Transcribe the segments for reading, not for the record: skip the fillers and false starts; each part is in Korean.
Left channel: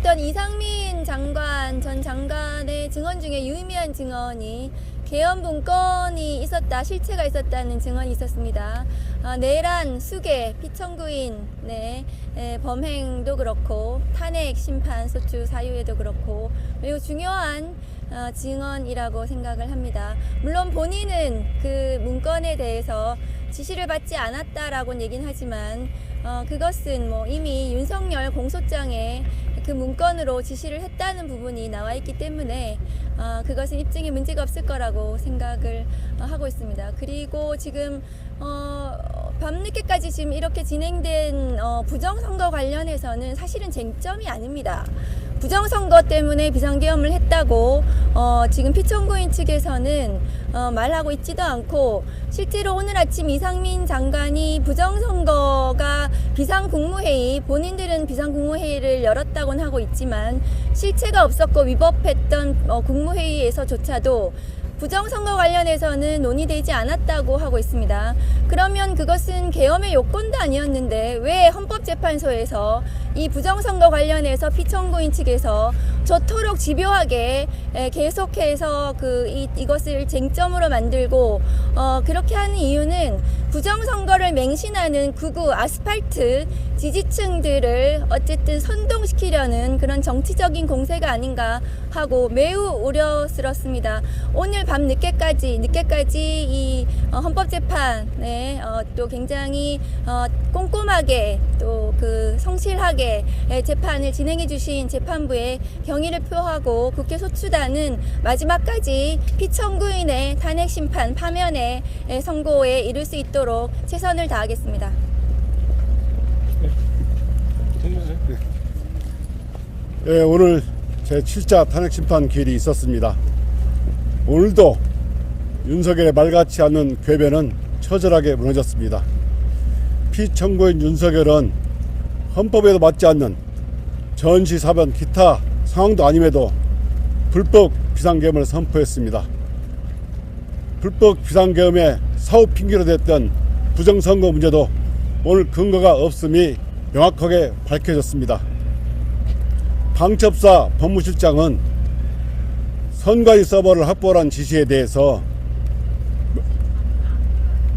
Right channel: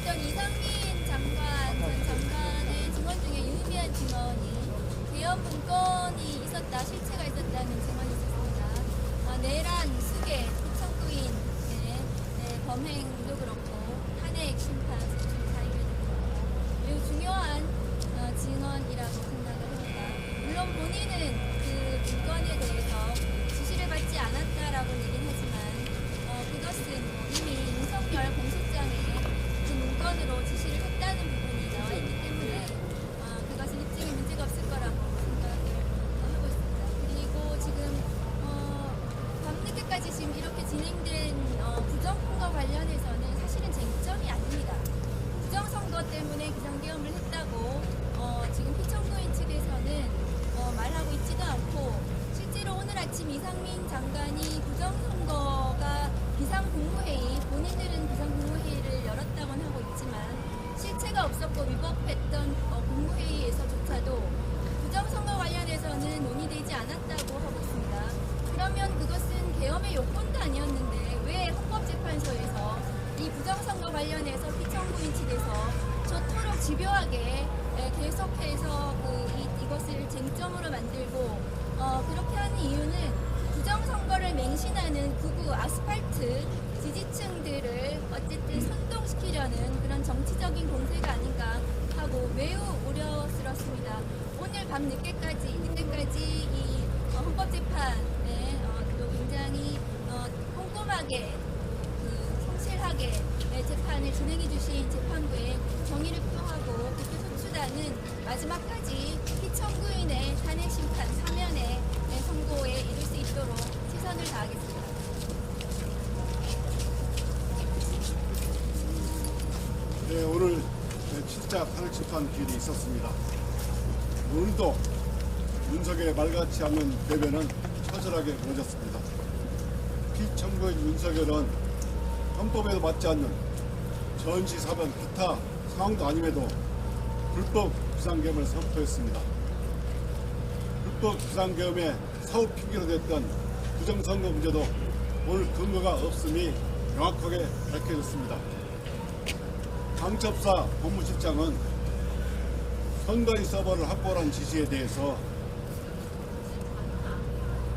있었던 이상민 장관 전 장관의 증언 중에 유의미한 증언이 계엄 문건이 있었다, 실체가 있었다는 증언이 있었습니다. 내란, 수계, 피청구인 범행도 그렇고 탄핵 심판 소추 사유에도 그렇고 매우 중요한 증언이라고 생각을 합니다. 물론 본인은 그 문건에 대해서 지시를 받지 않았다라고 얘기는 하지만 그것은 이미 윤석열 공소장에 그 문건으로 지시를 했다는 부분이 나와 있기 때문에 그것은 입증에 문제가 없을 거라고 생각을 하고 있습니다. 그리고 지금 밤늦게까지 지금 이렇게 진행된 부정선거 관련해서는 사실은 쟁점이 아닙니다. 부정선거 때문에 비상계엄을 했다고 지금 피청구인 측에서는 말하고 있지도 않고, 실제로 오늘 아침 이상민 장관이 부정선거가 비상국무회의, 본인들은 비상국무회의를 열었다고는 하고 있지만 실체가 없었고 위법했던 국무회의에서조차도 부정선거 관련해서는 논의되지 않았다고 하고 있습니다. 그러면 그것은 계엄의 요건도 아니었는데 왜 헌법재판소에서 이 부정선거 관련해서 피청구인 측에서 저토록 집요하게 계속해서 이것을 쟁점으로 만들고 그렇게 하는 이유는 부정선거를 맹신하는 극우 아스팔트 지지층들을 어쨌든 선동시키려는 그런 정치적인 공세가 아닌가 하고 매우 우려스럽습니다. 오늘 밤 늦게까지 이 헌법재판에 또 굉장히 꼼꼼하게 또 성실하게 재판을 진행해 주신 재판부에 경의를 표하고 국회 소추단은 마지막까지 피청구인의 탄핵 심판 파면의 선고에 이룰 수 있도록 최선을 다하겠습니다. 네, 오늘 제7차 탄핵심판 기일이 있었습니다. 오늘도 윤석열의 말같지 않는 궤변은 처절하게 무너졌습니다. 피청구인 윤석열은 헌법에도 맞지 않는 전시사변 기타 상황도 아님에도 불법 비상계엄을 선포했습니다. 불법 비상계엄의 사후 핑계로 됐던 부정선거 문제도 오늘 근거가 없음이 명확하게 밝혀졌습니다. 방첩사 법무실장은 선관위 서버를 확보하라는 지시에 대해서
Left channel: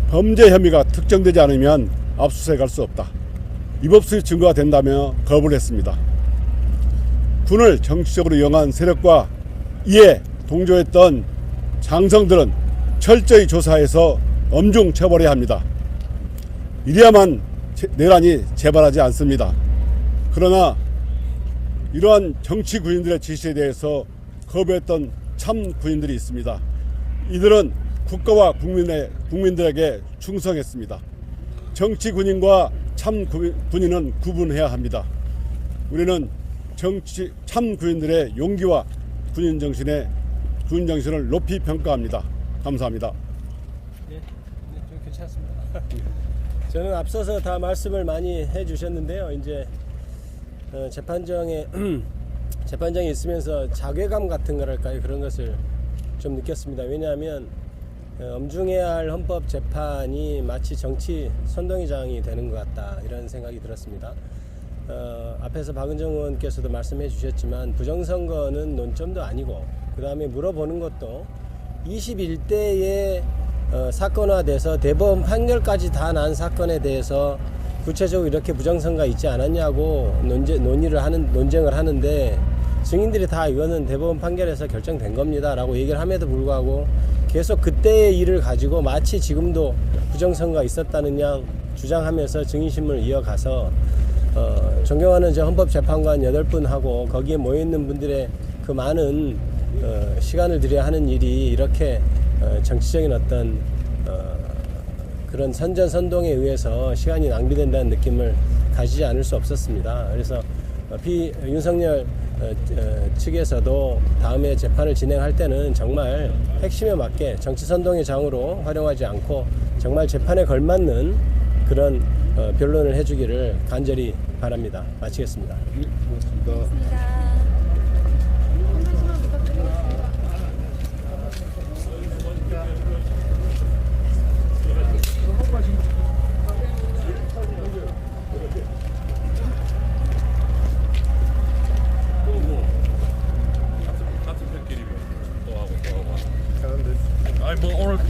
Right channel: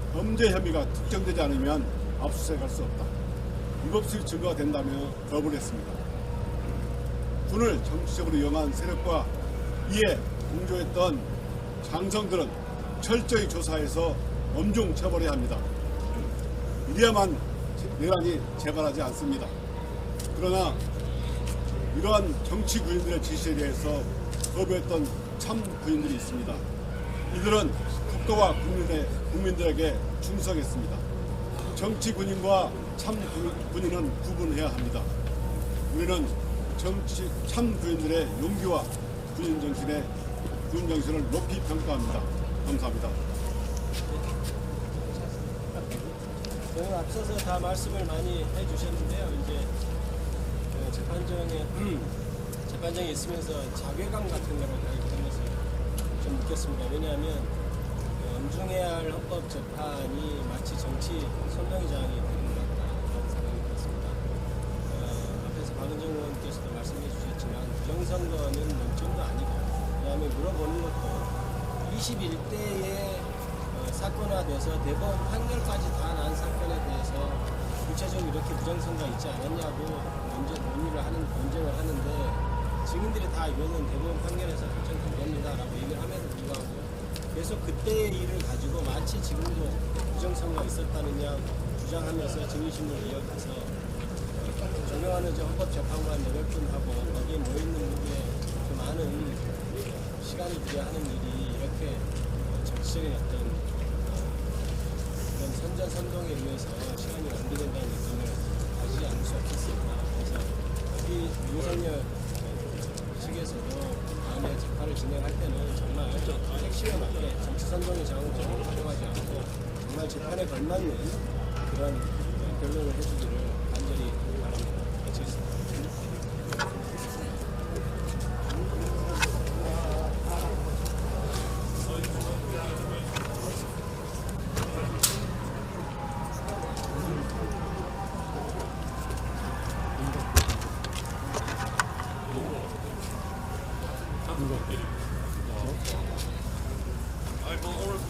범죄 혐의가 특정되지 않으면 압수수색할 수 없다, 위법수의 증거가 된다며 거부를 했습니다. 군을 정치적으로 이용한 세력과 이에 동조했던 장성들은 철저히 조사해서 엄중 처벌해야 합니다. 이래야만 내란이 재발하지 않습니다. 그러나 이러한 정치 군인들의 지시에 대해서 거부했던 참 군인들이 있습니다. 이들은 국가와 국민들에게 충성했습니다. 정치 군인과 참 군인은 구분해야 합니다. 우리는 참 군인들의 용기와 군인 정신을 높이 평가합니다. 감사합니다. 저는 앞서서 다 말씀을 많이 해주셨는데요. 이제 재판정에 있으면서 자괴감 같은 거랄까요, 그런 것을 좀 느꼈습니다. 왜냐하면 엄중해야 할 헌법 재판이 마치 정치 선동위장이 되는 것 같다, 이런 생각이 들었습니다. 앞에서 박은정 의원께서도 말씀해 주셨지만 부정선거는 논점도 아니고, 그 다음에 물어보는 것도 21대의 사건화돼서 대법원 판결까지 다 난 사건에 대해서 구체적으로 이렇게 부정선거가 있지 않았냐고 논쟁을 하는데, 증인들이 다 이거는 대법원 판결에서 결정된 겁니다 라고 얘기를 함에도 불구하고 계속 그때의 일을 가지고 마치 지금도 부정선거가 있었다는 양 주장하면서 증인신문을 이어가서 존경하는 헌법재판관 8분하고 거기에 모여있는 분들의 그 많은 시간을 들여야 하는 일이 이렇게 정치적인 어떤 그런 선전선동에 의해서 시간이 낭비된다는 느낌을 가지지 않을 수 없었습니다. 그래서 윤석열 측에서도 다음에 재판을 진행할 때는 정말 핵심에 맞게 정치선동의 장으로 활용하지 않고 정말 재판에 걸맞는 그런 변론을 해주기를 간절히 바랍니다. 마치겠습니다.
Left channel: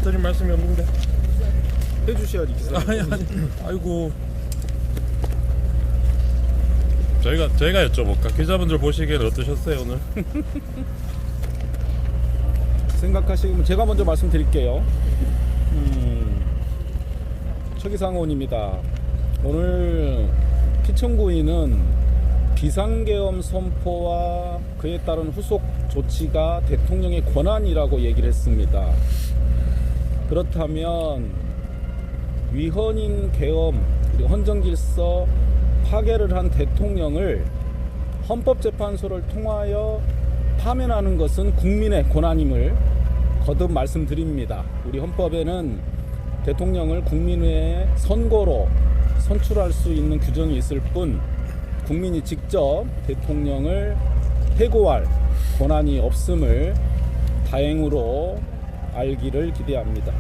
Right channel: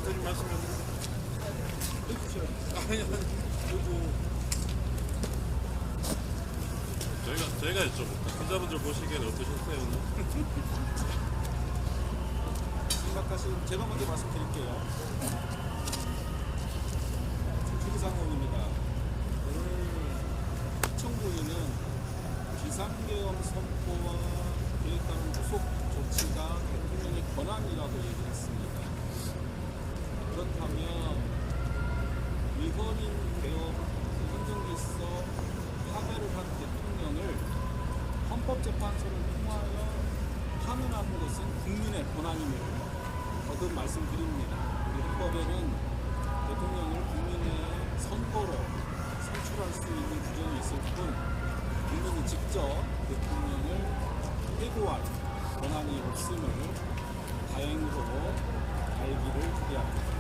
드릴 말씀이 없는데. 해주셔야지. 아이고. 저희가 여쭤볼까? 기자분들 보시기에는 어떠셨어요 오늘? 생각하시면 제가 먼저 말씀드릴게요. 최기상원입니다. 오늘 피청구인은 비상계엄 선포와 그에 따른 후속 조치가 대통령의 권한이라고 얘기를 했습니다. 그렇다면 위헌인 계엄, 그리고 헌정질서 파괴를 한 대통령을 헌법재판소를 통하여 파면하는 것은 국민의 권한임을 거듭 말씀드립니다. 우리 헌법에는 대통령을 국민의 선거로 선출할 수 있는 규정이 있을 뿐 국민이 직접 대통령을 해고할 권한이 없음을 다행으로 알기를 기대합니다.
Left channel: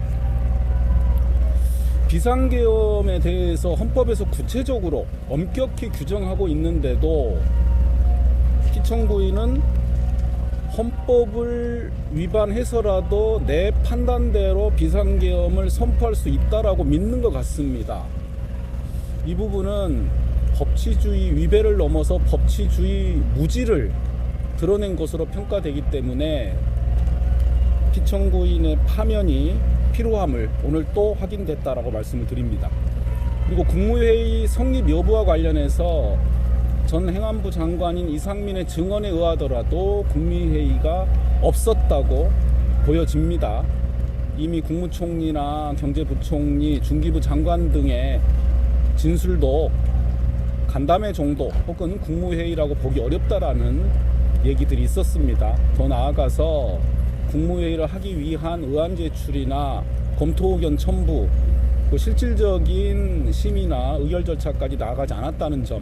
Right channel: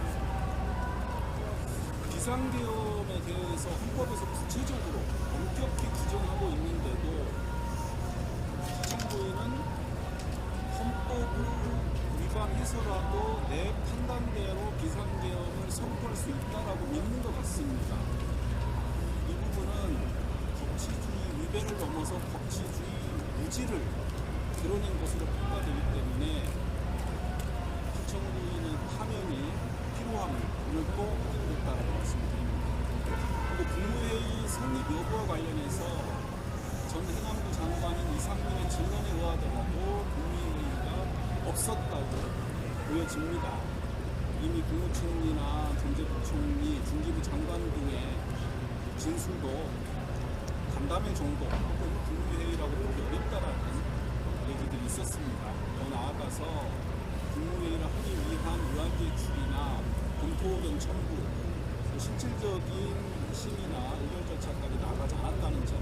비상계엄에 대해서 헌법에서 구체적으로 엄격히 규정하고 있는데도 피청구인은 헌법을 위반해서라도 내 판단대로 비상계엄을 선포할 수 있다라고 믿는 것 같습니다. 이 부분은 법치주의 위배를 넘어서 법치주의 무지를 드러낸 것으로 평가되기 때문에 피청구인의 파면이 필요함을 오늘 또 확인됐다라고 말씀을 드립니다. 그리고 국무회의 성립 여부와 관련해서 전 행안부 장관인 이상민의 증언에 의하더라도 국무회의가 없었다고 보여집니다. 이미 국무총리나 경제부총리, 중기부 장관 등의 진술도 간담회 정도 혹은 국무회의라고 보기 어렵다라는 얘기들이 있었습니다. 더 나아가서 국무회의를 하기 위한 의안 제출이나 검토 의견 첨부, 그 실질적인 심의나 의결 절차까지 나아가지 않았다는 점,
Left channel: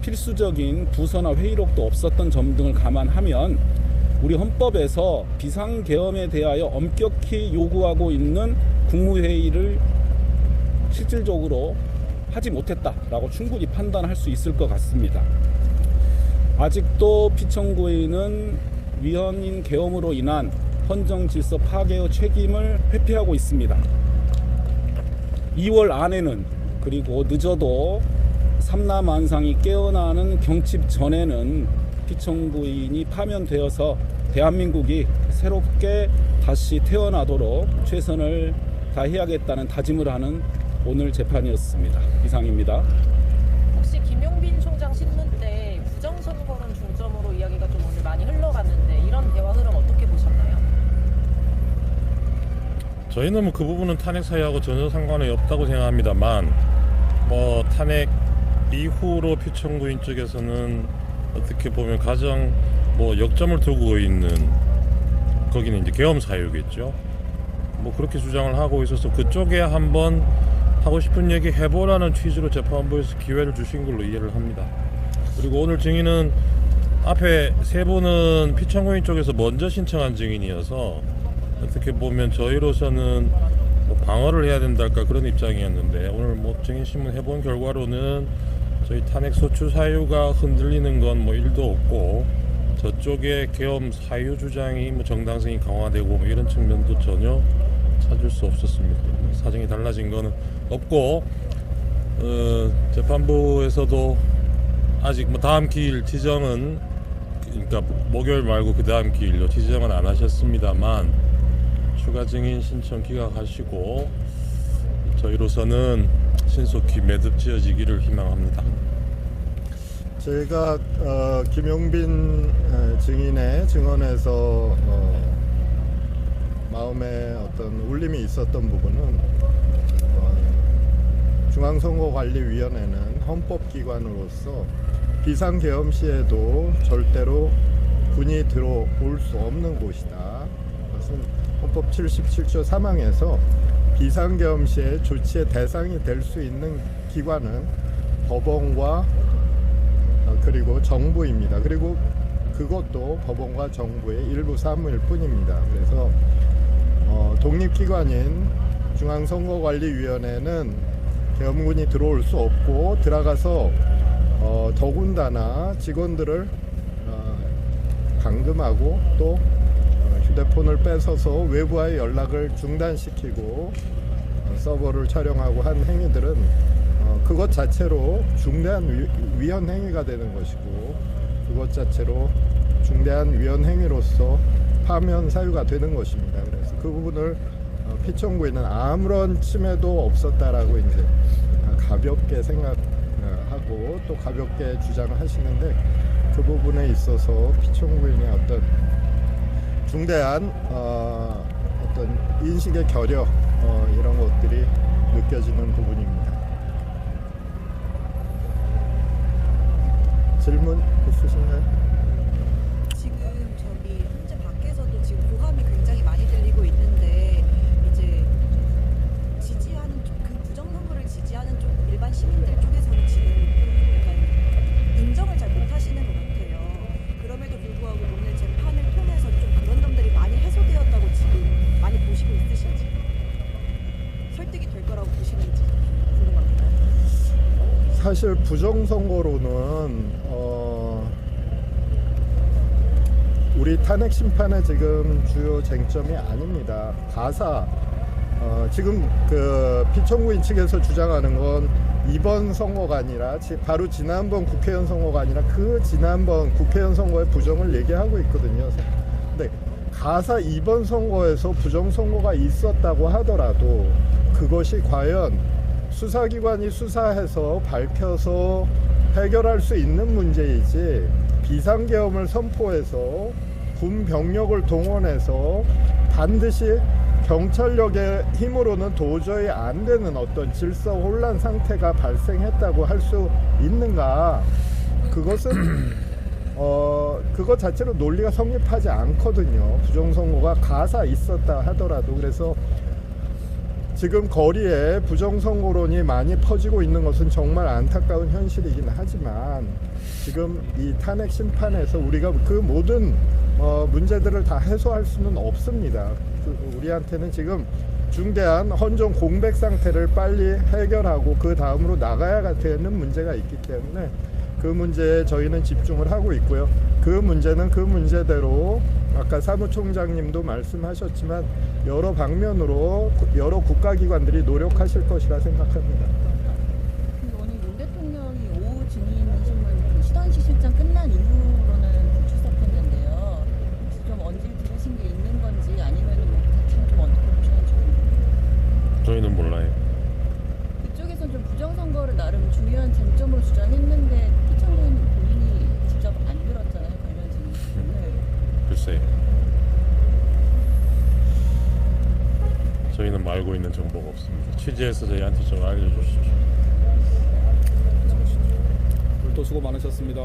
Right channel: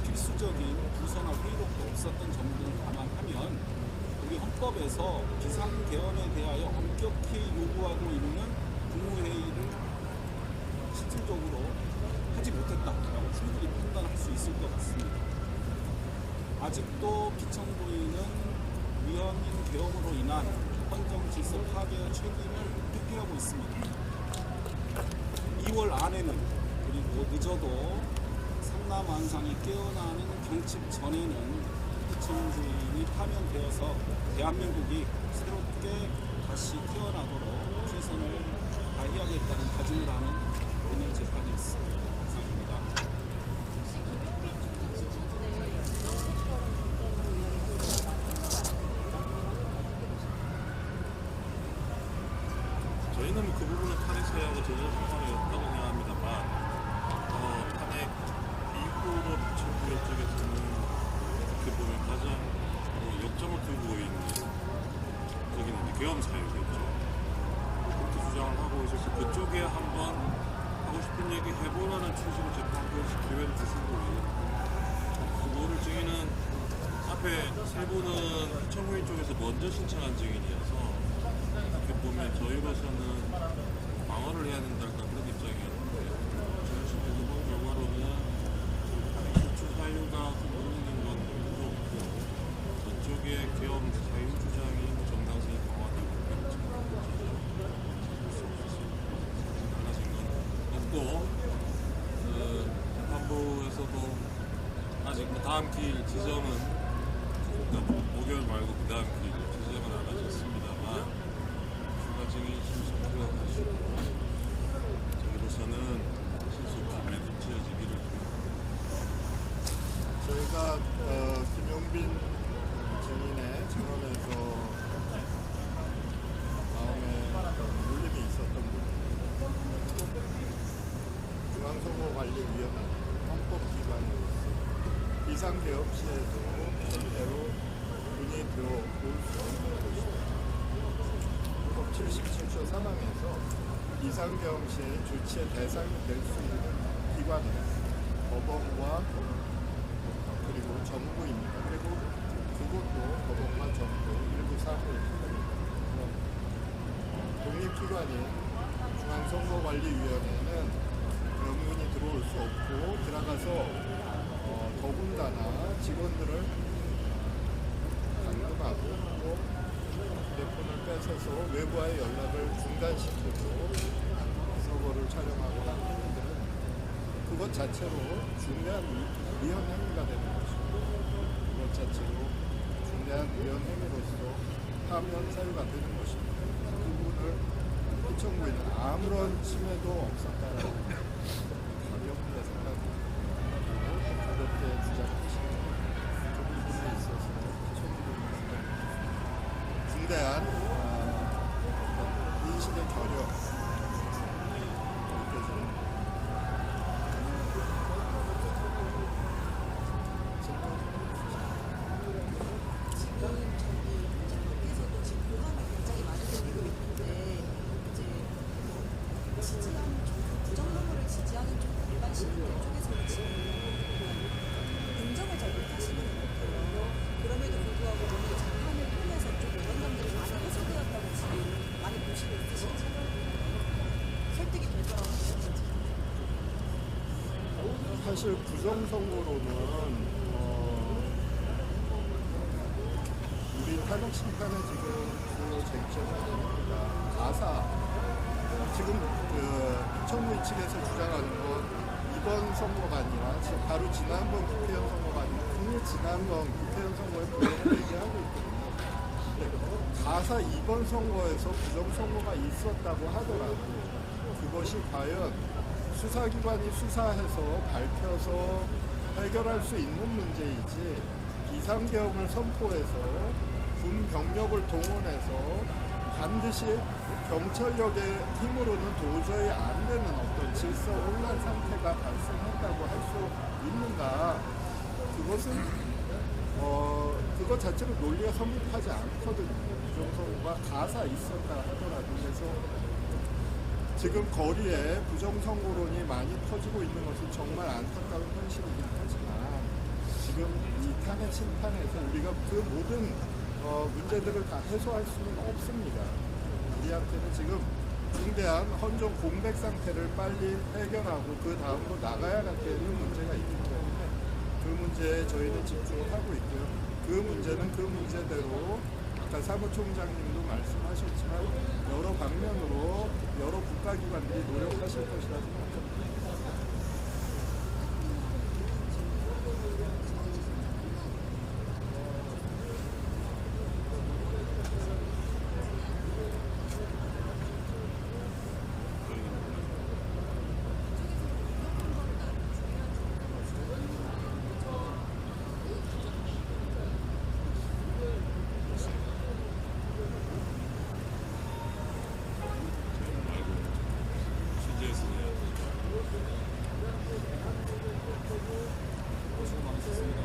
필수적인 부서나 회의록도 없었던 점 등을 감안하면 우리 헌법에서 비상계엄에 대하여 엄격히 요구하고 있는 국무회의를 실질적으로 하지 못했다라고 충분히 판단할 수 있을 것 같습니다. 아직도 피청구인은 위헌인 계엄으로 인한 헌정질서 파괴의 책임을 회피하고 있습니다. 2월 안에는, 그리고 늦어도 삼라만상이 깨어나는 경칩 전에는 피청구인이 파면되어서 대한민국이 새롭게 다시 태어나도록 최선을 다해야겠다는 다짐을 하는 오늘 재판이었습니다. 이상입니다. 혹시 김용빈 총장 신소 때 부정선거는 중점으로 이야기가 좀 많이 흘러갔는데 이런 대화 흐름 어떻게 보셨나요? 저희는 뭐 그 부분은 탄핵 사유하고 전혀 상관이 없다고 생각합니다만, 탄핵 이후로 피청구인 쪽에서는 어떻게 보면 가장 역점을 두고 있는, 거기는 이제 계엄 사유겠죠. 그렇게 주장을 하고 있어서 그쪽에 한번 하고 싶은 얘기 해보라는 취지로 재판부에서 기회를 주신 걸로 이해를 합니다. 그리고 오늘 증인은 앞에 세 분은 피청구인 쪽에서 먼저 신청한 증인이어서 어떻게 보면 저희로서는 방어를 해야 된다 할까 그런 입장이었는데, 오늘 증인 신문 해본 결과로는 저희 탄핵 소추 사유가 흔들리는 건 1도 없고, 저쪽에 계엄 사유 주장이 정당성이 강화되고 이런 측면도 전혀 찾을 수 없었습니다. 사정이 달라진 거는 없고, 재판부에서도 아직 다음 기일 지정은, 그러니까 목요일 말고 그 다음 기일로 지정은 안 하셨습니다만 추가 증인 신청 기각하시고 저희로서는 신속히 매듭 지어지기를 희망합니다. 저희가 김용빈 증인의 증언에서 마음에 어떤 울림이 있었던 부분은 중앙선거관리위원회는 헌법기관으로서 비상계엄 시에도 절대로 군이 들어올 수 없는 곳이다. 헌법 77조 3항에서 비상계엄 시에 조치의 대상이 될 수 있는 기관은 법원과 그리고 정부입니다. 그리고 그것도 법원과 정부의 일부 사무일 뿐입니다. 그래서 독립기관인 중앙선거관리위원회는 계엄군이 들어올 수 없고, 들어가서 더군다나 직원들을 감금하고 또 휴대폰을 뺏어서 외부와의 연락을 중단시키고 서버를 촬영하고 한 행위들은 그것 자체로 중대한 위헌 행위가 되는 것이고 그것 자체로 중대한 위헌 행위로서 파면 사유가 되는 것입니다. 그래서 그 부분을 피청구인은 아무런 침해도 없었다라고 이제 가볍게 생각하고 또 가볍게 주장을 하시는데 그 부분에 있어서 피청구인의 어떤 중대한 어떤 인식의 결여 이런 것들이 느껴지는 부분입니다. 질문 있으신가요? 지금 저기 현재 밖에서도 지금 고감이 굉장히 많이 들리고 있는데 이제 지지하는 쪽, 그 부정선거를 지지하는 쪽 일반 시민들 쪽에서 지금 인정을 잘 못하시는 것 같아요. 그럼에도 불구하고 오늘 재판을 통해서 좀 이런 점들이 많이 해소되었다고 지금 많이 보시고 있으신지 설득이 될 거라고 보시는지 궁금합니다. 사실 부정선거로는 우리 탄핵 심판의 지금 주요 쟁점이 아닙니다. 가사 지금 그 피청구인 측에서 주장하는 건 이번 선거가 아니라 바로 지난번 국회의원 선거가 아니라 그 지난번 국회의원 선거의 부정을 얘기하고 있거든요. 근데 가사 이번 선거에서 부정선거가 있었다고 하더라도 그것이 과연 수사기관이 수사해서 밝혀서 해결할 수 있는 문제이지 비상계엄을 선포해서 군 병력을 동원해서 반드시 경찰력의 힘으로는 도저히 안 되는 어떤 질서 혼란 상태가 발생했다고 할 수 있는가? 그것은 그것 자체로 논리가 성립하지 않거든요. 부정선거가 가사 있었다 하더라도. 그래서 지금 거리에 부정선거론이 많이 퍼지고 있는 것은 정말 안타까운 현실이긴 하지만 지금 이 탄핵 심판에서 우리가 그 모든 문제들을 다 해소할 수는 없습니다. 우리한테는 지금 중대한 헌정 공백 상태를 빨리 해결하고 그 다음으로 나가야 되는 문제가 있기 때문에 그 문제에 저희는 집중을 하고 있고요. 그 문제는 그 문제대로 아까 사무총장님도 말씀하셨지만 여러 방면으로 여러 국가기관들이 노력하실 것이라 생각합니다. 오늘 윤 대통령이 오후 증인 수단시 실장 끝난 이후로는 출석했는데요. 좀 어느 정도 자신이 있는 건지 아니면 좀 어느 정도 저희는 몰라요. 이쪽에서는 좀 부정선거를 나름 중요한 쟁점으로 주장했는데 피청구인 본인이 주장을 안 들었잖아요. 글쎄요. 저희는 알고 있는 정보가 없습니다. 취재해서 저희한테 좀 알려주십시오. 또 수고 많으셨습니다.